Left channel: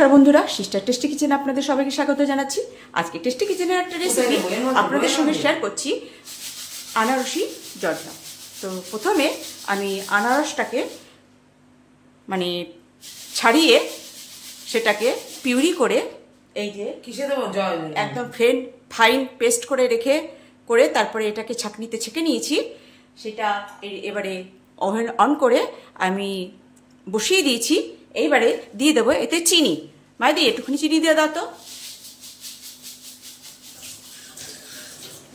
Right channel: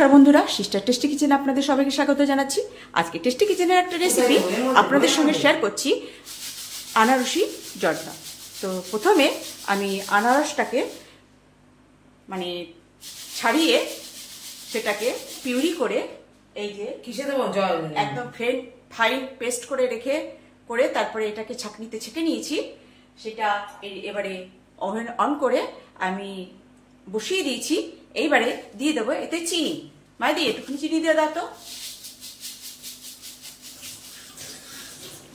নমস্কার বন্ধুরা, sister tasty কিচেনে আপনাদের সবাইকে স্বাগত জানাচ্ছি। আজকে টেস্টি কিচেনের একটা রেসিপি আপনাদের সঙ্গে শেয়ার করছি, আনারসি জর্দা। তো প্রথমে আমি আনারসটাকে মানে ছাড়িয়ে সেটাকে পিউরি করে এই যে কিসে দেবো একদম ফাইন পেস্ট করে তারপরে এটাকে ছাঁকনিতে ছেঁকে নিয়েছি। সেটা এবারে ওভেন অন করে আমি বসিয়ে দিয়েছি। এইবারে দিয়ে দেবো এতে চিনি। মাইদি একটুখানি চিনি দিয়ে দাও তো।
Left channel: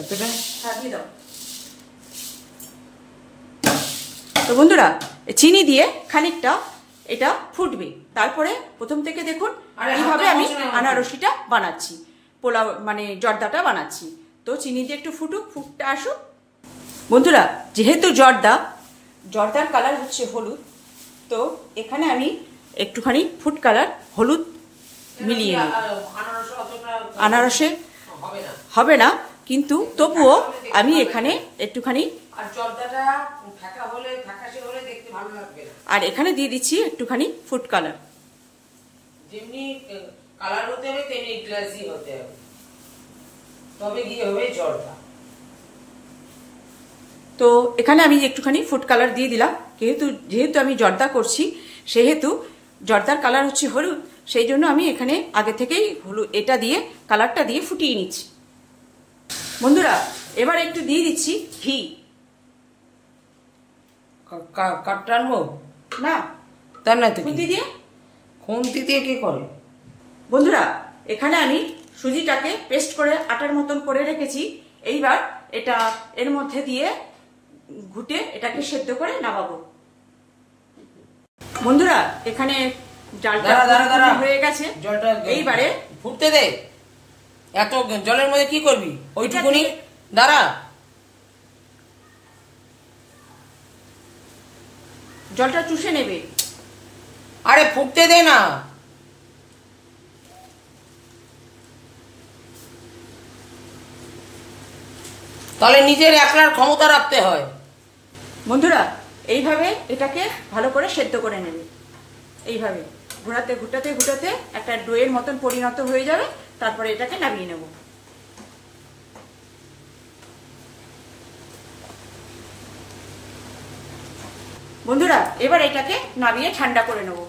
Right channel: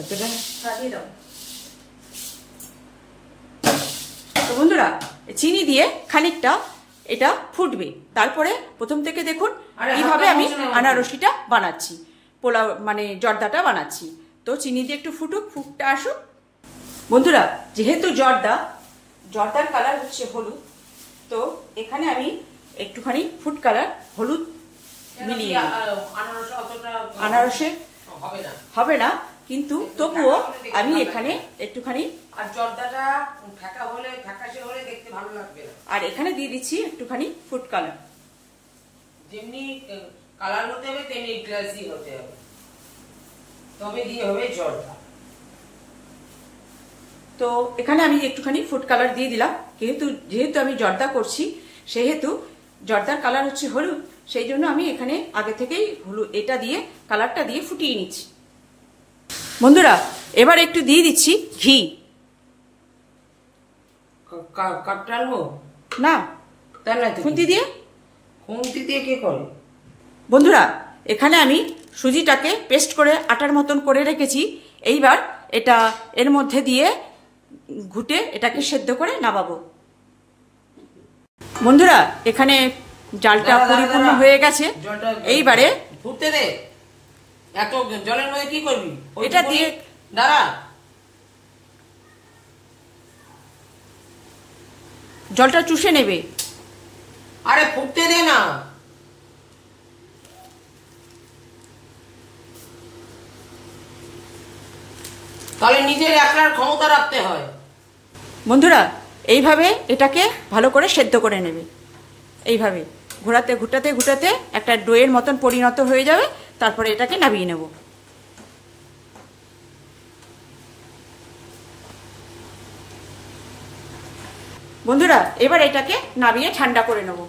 এতটা দিয়ে দাও। তো বন্ধুরা, চিনি দিয়ে খানিকটা এটা ফুটবে। তারপরে প্রথম থেকে দেখুন কিভাবে আমি আনারসিটা বানাচ্ছি, পোলাও মানে জর্দাটা বানাচ্ছি। তো চিনি দিয়ে একটু ফুটটা আসুক। বন্ধুরা, যেহেতু জর্দার কালার হচ্ছে হলুদ, তো এখানে আমি একটুখানি ফুড কালার হলুদ মিলিয়ে আনারসে হবে না, কিন্তু তবুও আমি এখানে একটুখানি আর এখানে দিয়ে দিচ্ছি একটুখানি ফুড কালার। যেমনি কালার হতে হবে তেমনি গ্লাসি হতে হবে, তবে গিয়ে হবে জর্দা। তো এখানে আমি একটুখানি ফুড কালার দিয়ে দিলাম। যেহেতু আমি জর্দা করছি, সেহেতু জর্দার কালার হচ্ছে হলুদ, সেই জন্য আমি এখানে আগে থেকেই এটা দিয়ে কালারটা দিয়ে ফুটিয়ে নিচ্ছি। বন্ধুরা, এবার একটু দিয়ে দিচ্ছি ঘি। কাপটা আনবো না, তার না খুন্তি দিয়ে কি করে? বন্ধুরা, এখানে আমি সুজিটাকে পেস্ট করে আটার মতন করে রেখেছি। এইবার এটা এর মধ্যে দিয়ে ঘুটে এটাকে সেদ্ধ করে নামাবো। বন্ধুরা, এখানে জালটা পরিপূর্ণ হয়ে গেছে। এইবারে ফুটতে দে। এত জলের মধ্যে কি করবি? ওইটা দিয়ে দাঁড়া, জলটা চুষে নেবে। আরে ফুটতে দে না। তাহলে নিজের একলার ক্ষমতা রাখতে হয়। বন্ধুরা, এইভাবে এটাকে ভালো করে সেদ্ধ করে নেবে। এইভাবে ঘুটাতে একটা ডোয়ের মতন পরিণত হয়ে যাবে। তারপরে এটাকে নামিয়ে নেব। বন্ধুরা, এবার এটাকে নামিয়ে ঠান্ডা করে নেব।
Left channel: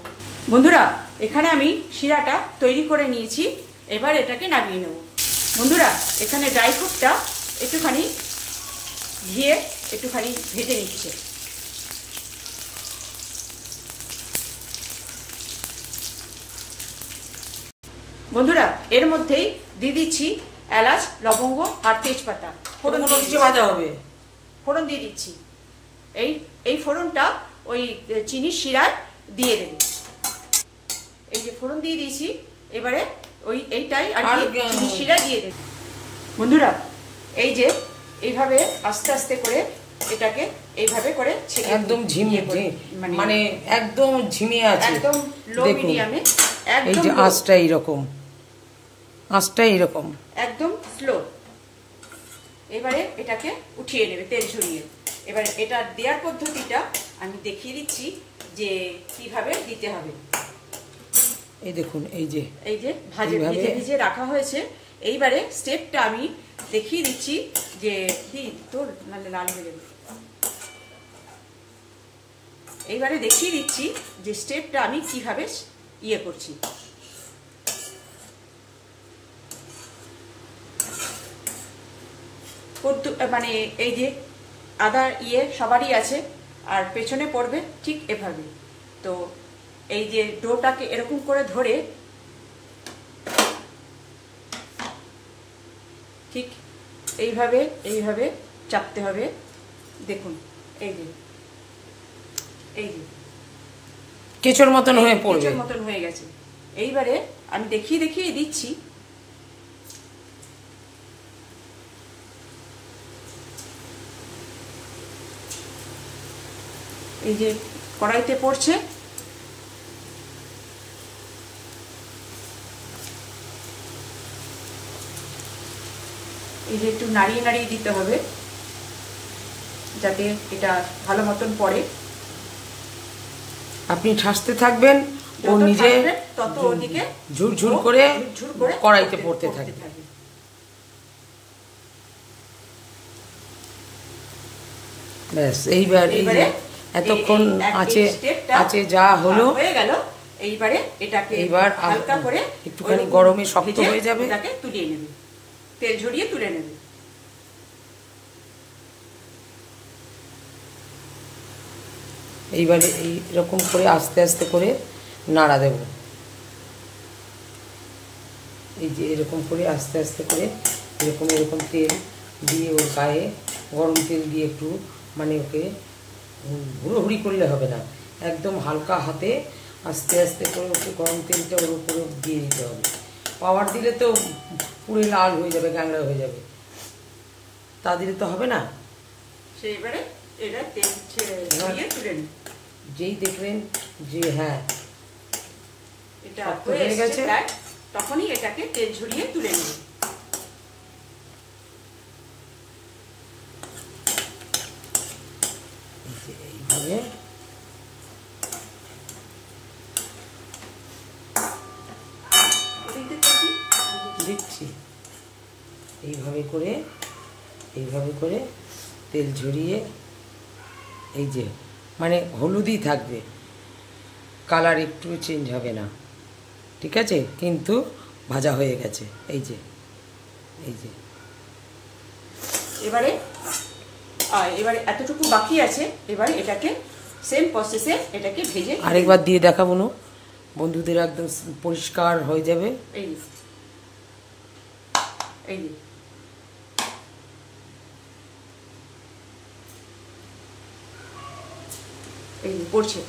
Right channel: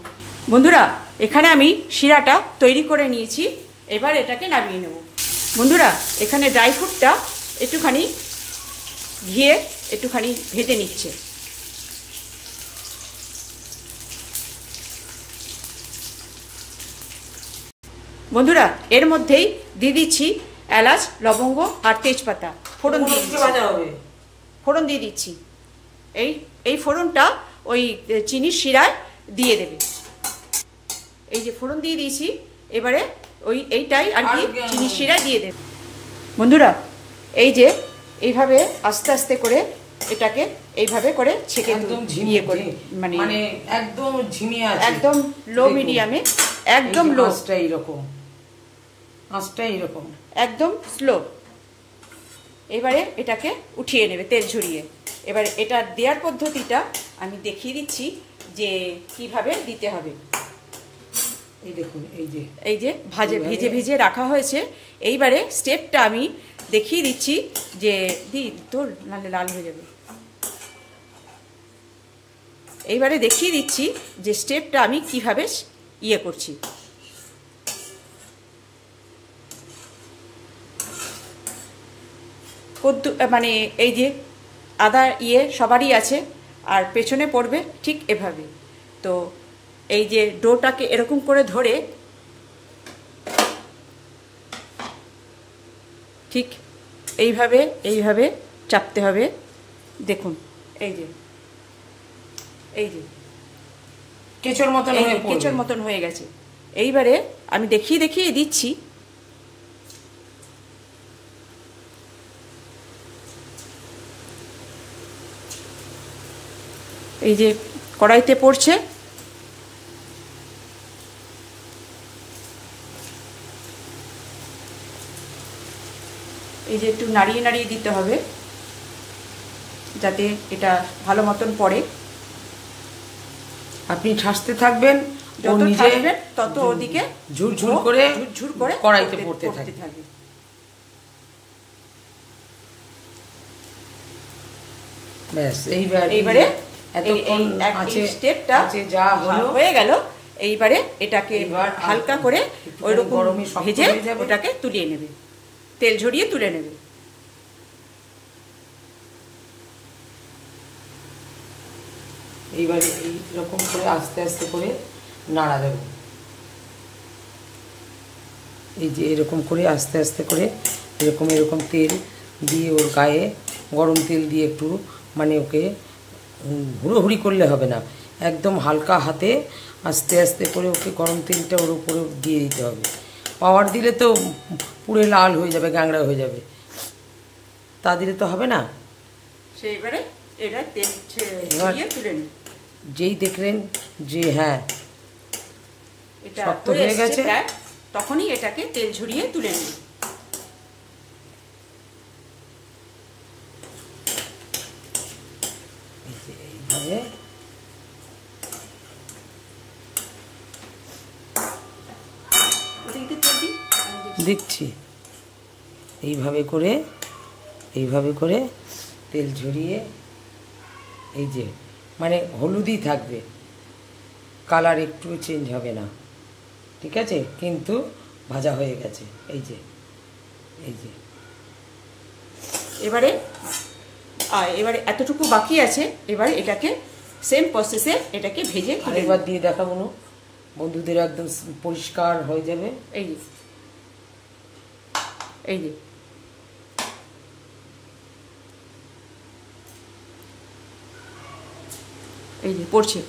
বন্ধুরা, এখানে আমি শিরাটা তৈরি করে নিয়েছি। এবার এটাকে নামিয়ে নেব। বন্ধুরা, এখানে ড্রাই ফ্রুটটা একটুখানি ঘিয়ে একটুখানি ভেজে নিচ্ছে। বন্ধুরা, এর মধ্যেই দিয়ে দিচ্ছি এলাচ, লবঙ্গ আর তেজপাতা। ফোড়ন দিয়ে দিচ্ছি। এই ফোড়নটা ওই চিনির শিরায় দিয়ে দেবে। এই যে ফোড়ন দিয়ে দিয়েছি, এবারে এইটাই আর কি চিনির শিরায় দিয়ে দেবে। বন্ধুরা, এই যে এইভাবে আস্তে আস্তে করে এটাকে এইভাবে করে ছেঁকে একদম ঝিমিয়ে করে মানে একদম ঝিমিয়ে আছে, একদম লো মিডিয়ামে, একদম আঁচটা এইরকম একদম স্লো। এবারে এটাকে উঠিয়ে নেবে তেল ঝরিয়ে। এবারে এটা দেওয়ার পদ্ধতিটা আমি দেখিয়ে দিচ্ছি যে কিভাবে দিতে হবে। এই দেখুন, এই যে ভিজে রাখা হয়েছে। এইবারে স্টেপটা আমি দেখিয়ে দিচ্ছি যে তোর নালে লাল হয়ে যাবে। এইবারে দেখিয়ে দিচ্ছি যে স্টেপটা আমি কিভাবে করছি। মানে এই যে আদা সবারই আছে, আর পেছনে পড়বে ঠিক এভাবে। তো এই যে ডোটাকে এরকম করে ধরে ঠিক এইভাবে চাপতে হবে। দেখুন, এই যে কেঁচোর মতন হয়ে গেছে। এইবারে আমি দেখিয়ে দিচ্ছি। এই যে কড়াইতে পড়ছে। এই যে একটু নাড়িয়ে দিতে হবে যাতে এটা ভালো মতন পড়ে। আপনি ঠাসতে থাকবেন ও নিজে তত ওদিকে ঝুরঝুর করে কড়াইতে পড়তে থাকে। ব্যাস এইবারে এতক্ষণ আছে যা হলো হয়ে গেল। এইবারে এটাকে এবার হালকা করে গরমে শক্ত হয়ে যাবে, ওটাকে তুলিয়ে নেবে, তেল ঝরিয়ে তুলে নেবে। এইবারে এইরকম করে আস্তে আস্তে করে নাড়া দেব। এই যে এরকম করে আস্তে আস্তে করে এরকম তেল দিয়ে ওর গায়ে গরম তেল দিয়ে একটু মানে ওকে হুড়োহুড়ি করলে হবে না, একদম হালকা হাতে আস্তে আস্তে করে ওকে গরম তেলটা ওর উপরে দিয়ে দিতে হবে। পাওয়ার দিলে তো পুরো লাল হয়ে যাবে, গ্যাংড়া হয়ে যাবে, তা দিলে তো হবে না। সেইবারে এটা তেল তুলে নিন। যেই দেখলেন যে হ্যাঁ এটা শক্ত হয়ে গেছে, তখনই এটাকে তেল ঝরিয়ে তুলে নিন। এইভাবে দিচ্ছি, এইভাবে করে তেল ঝরিয়ে, এই যে মানে হলুদই থাকবে, কালার একটু চেঞ্জ হবে না, ঠিক আছে, কিন্তু ভাজা হয়ে গেছে। এই যে এবারে এতটুকু বাকি আছে। এবারে এটাকে সেম প্রসেসে এটাকে ভেজে আরেকবার দিয়ে দেখাবো না বন্ধুদের, একদম পরিষ্কার হয়ে যাবে। এই যে পড়ছে।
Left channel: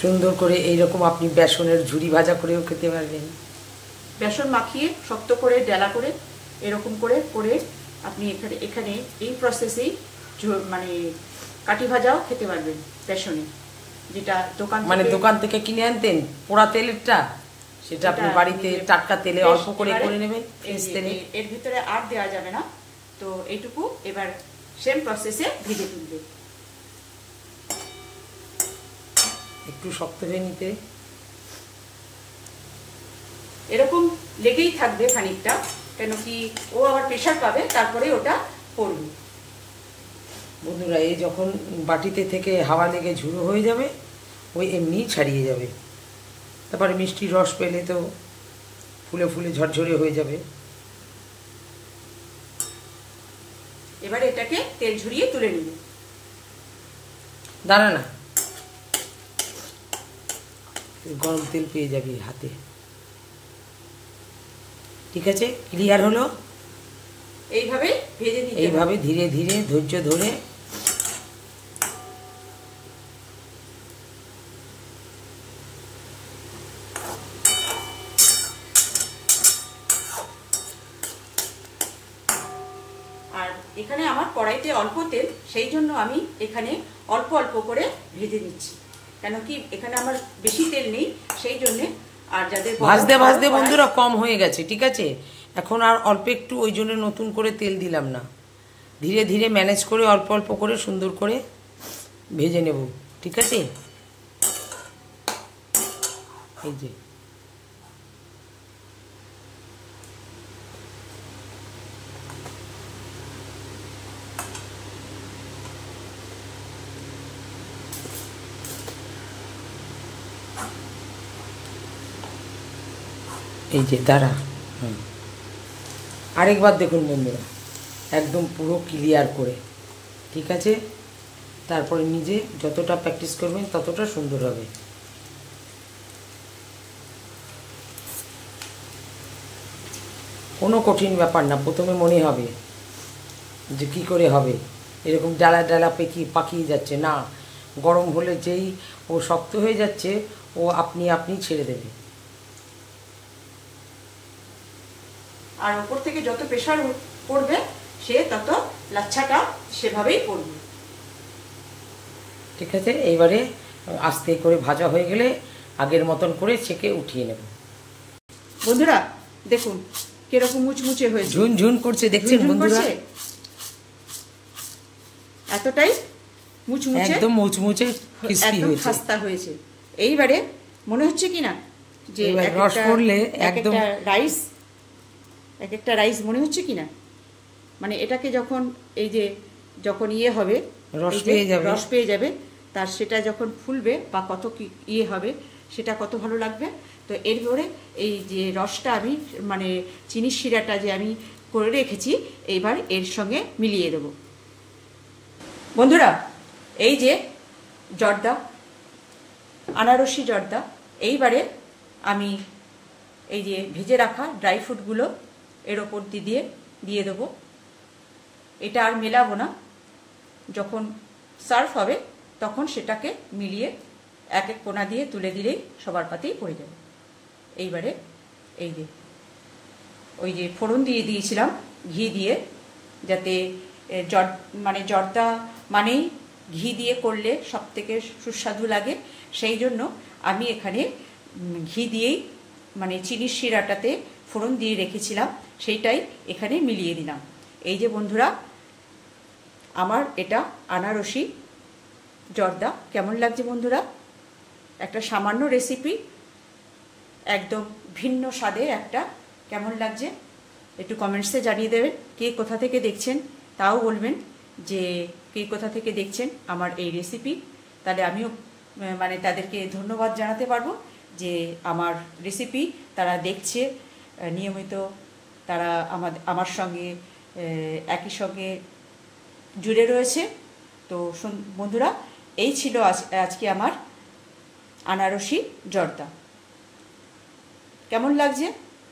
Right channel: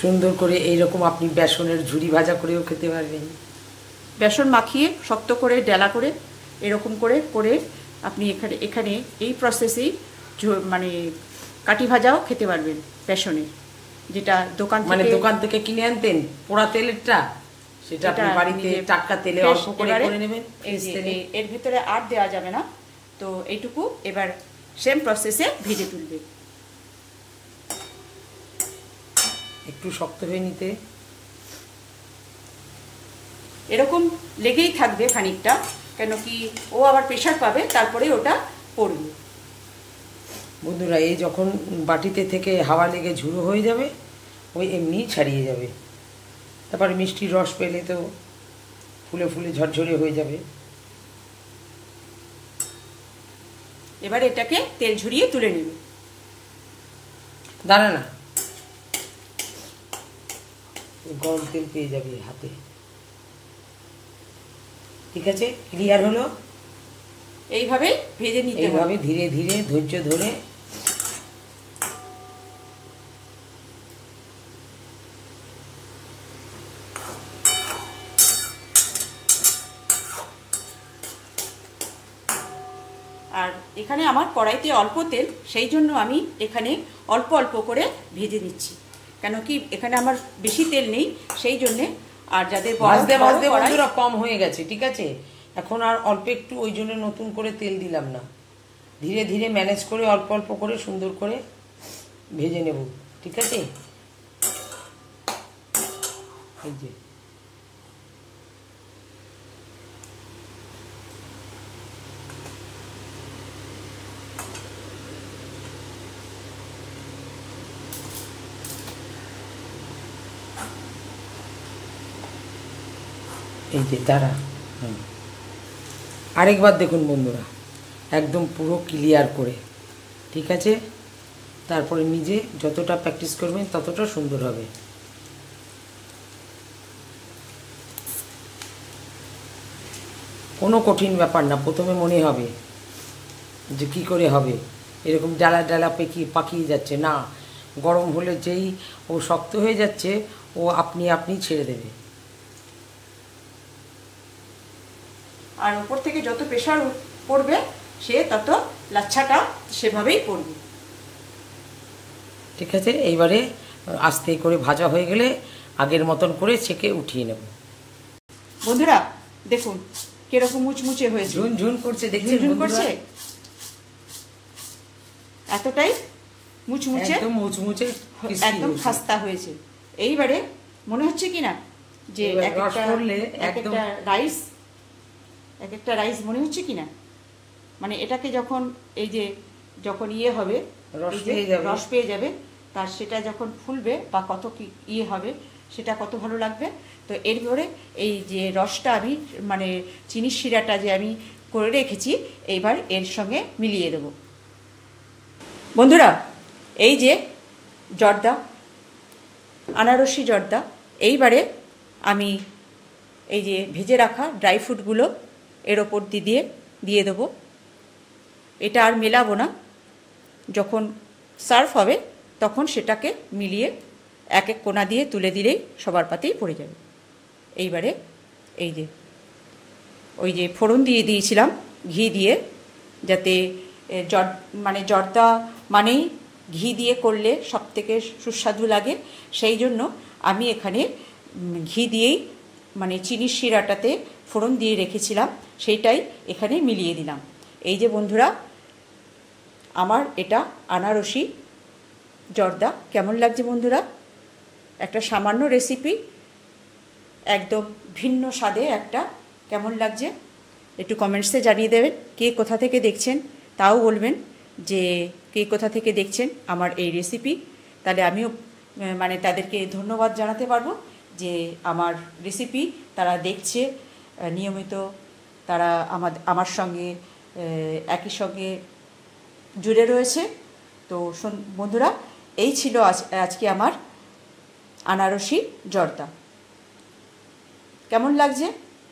সুন্দর করে এইরকম আপনি বেসনের ঝুরি ভাজা করেও খেতে পারবেন। বেসন মাখিয়ে শক্ত করে ডেলা করে এরকম করে আপনি এখানে এই প্রসেসেই মানে কাটি ভাজাও খেতে পারবেন বেসনে, যেটা দোকান থেকে কিনে আনতেন পোড়া তেলেরটা, সেটা আপনি বাড়িতে টাটকা তেলে অল্প করে নেবেন। এর ভিতরে আর দেওয়া যাবে না, তো এইটুকু এবার সেম প্রসেসে ভেজে তুলবে। একটু শক্ত হয়ে নিতে, এরকম লেগেই থাকবে খানিকটা, কেন কি ও আবার প্রেশার পাবে, তারপরে ওটা পড়বে। বন্ধুরা, এই যখন বাটিতে থেকে হাওয়া লেগে ঝুড়ো হয়ে যাবে, ওই এমনি ছাড়িয়ে যাবে, তারপরে মিষ্টি রস পেলে তো ফুলে ফুলে ঝরঝরে হয়ে যাবে। এবার এটাকে তেল ঝরিয়ে তুলে নেবে। দাঁড়া না, গরম তেল পেয়ে যাবে হাতে, ঠিক আছে, ক্লিয়ার হলো। এইভাবে ভেজে নিতে, এইভাবে ধীরে ধীরে ধৈর্য ধরে আর এখানে আমার কড়াইতে অল্প তেল, সেই জন্য আমি এখানে অল্প অল্প করে ভেজে নিচ্ছি, কেন কি এখানে আমার বেশি তেল নেই, সেই জন্যে। আর যাদের ভাজতে বন্ধুরা কম হয়ে গেছে, ঠিক আছে, এখন আর অল্প একটু, ওই জন্য নতুন করে তেল দিলাম না, ধীরে ধীরে ম্যানেজ করে অল্প অল্প করে সুন্দর করে ভেজে নেব, ঠিক আছে। এই যে দাঁড়া, আরেকবার দেখুন বন্ধুরা, একদম পুরো ক্লিয়ার করে, ঠিক আছে, তারপরে নিজে যতটা প্র্যাকটিস করবেন ততটা সুন্দর হবে। কোনো কঠিন ব্যাপার না, প্রথমে মনে হবে যে কি করে হবে, এরকম ডালা ডালা পাকিয়ে যাচ্ছে না, গরম হলে যেই ও শক্ত হয়ে যাচ্ছে, ও আপনি ছেড়ে দেবে। আর উপর থেকে যত প্রেসার পড়বে, সে তত লাচ্ছাটা সেভাবেই পড়বে, ঠিক আছে। এইবারে আস্তে করে ভাজা হয়ে গেলে আগের মতন করে ছেঁকে উঠিয়ে নেব। বন্ধুরা, দেখুন কিরকম মুচমুচে হয়েছে, ঝুনঝুন করছে, দেখছেন ঝুনঝুন বন্ধুরা? করছে, এতটাই মুচমুচে, একদম মুচমুচে crispy একদম হয়েছে। খাস্তা হয়েছে। এইবারে মনে হচ্ছে কি না যে এবার এক রস পড়লে একদম একটা রাইস মনে হচ্ছে কি না, মানে এটাকে যখন এই যে যখন ইয়ে হবে, রস এই যে পেয়ে যাবে। রস পেয়ে যাবে, তার সেটা যখন ফুলবে বা কত কি ইয়ে হবে সেটা কত ভালো লাগবে। তো এরপরে এই যে রসটা আমি মানে চিনির শিরাটা যে আমি করে রেখেছি এইবার এর সঙ্গে মিলিয়ে দেব। বন্ধুরা এই যে জর্দা, আনারসি জর্দা, এইবারে আমি এই যে ভেজে রাখা ড্রাই ফ্রুটগুলো এর ওপর দিয়ে দেবো। এটা আর মেলাবো না, যখন সার্ভ হবে তখন সেটাকে মিলিয়ে এক এক কোণা দিয়ে তুলে দিলেই সবার পাতেই পড়ে যাবে। এইবারে এই যে ওই যে ফোড়ন দিয়ে দিয়েছিলাম ঘি দিয়ে, যাতে মানে জর্দা মানেই ঘি দিয়ে করলে সব থেকে সুস্বাদু লাগে, সেই জন্য আমি এখানে ঘি দিয়েই মানে চিনির শিরাটাতে ফোড়ন দিয়ে রেখেছিলাম, সেইটাই এখানে মিলিয়ে দিলাম। এই যে বন্ধুরা আমার এটা আনারসি জর্দা কেমন লাগছে বন্ধুরা? একটা সামান্য রেসিপি, একদম ভিন্ন স্বাদে একটা, কেমন লাগছে একটু কমেন্টসে জানিয়ে দেবেন। কে কোথা থেকে দেখছেন তাও বলবেন যে কে কোথা থেকে দেখছেন আমার এই রেসিপি, তাহলে আমিও মানে তাদেরকে ধন্যবাদ জানাতে পারবো যে আমার রেসিপি তারা দেখছে নিয়মিত, তারা আমার সঙ্গে একই সঙ্গে জুড়ে রয়েছে। তো বন্ধুরা এই ছিল আজকে আমার আনারসি জর্দা। কেমন লাগছে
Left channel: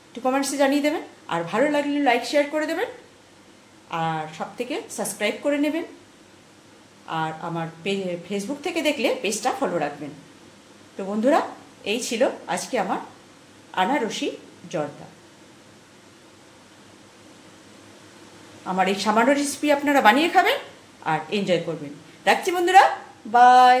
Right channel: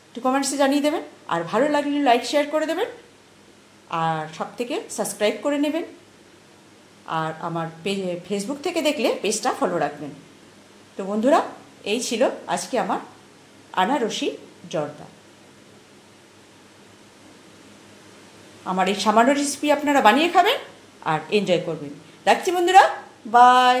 একটু কমেন্টসে জানিয়ে দেবেন, আর ভালো লাগলে লাইক শেয়ার করে দেবেন, আর সব থেকে সাবস্ক্রাইব করে নেবেন, আর আমার ফেসবুক থেকে দেখলে পেজটা ফলো রাখবেন। তো বন্ধুরা এই ছিল আজকে আমার আনারসি জর্দা। আমার এই সামান্য রেসিপি আপনারা বানিয়ে খাবেন আর এনজয় করবেন। রাখছি বন্ধুরা, বাই।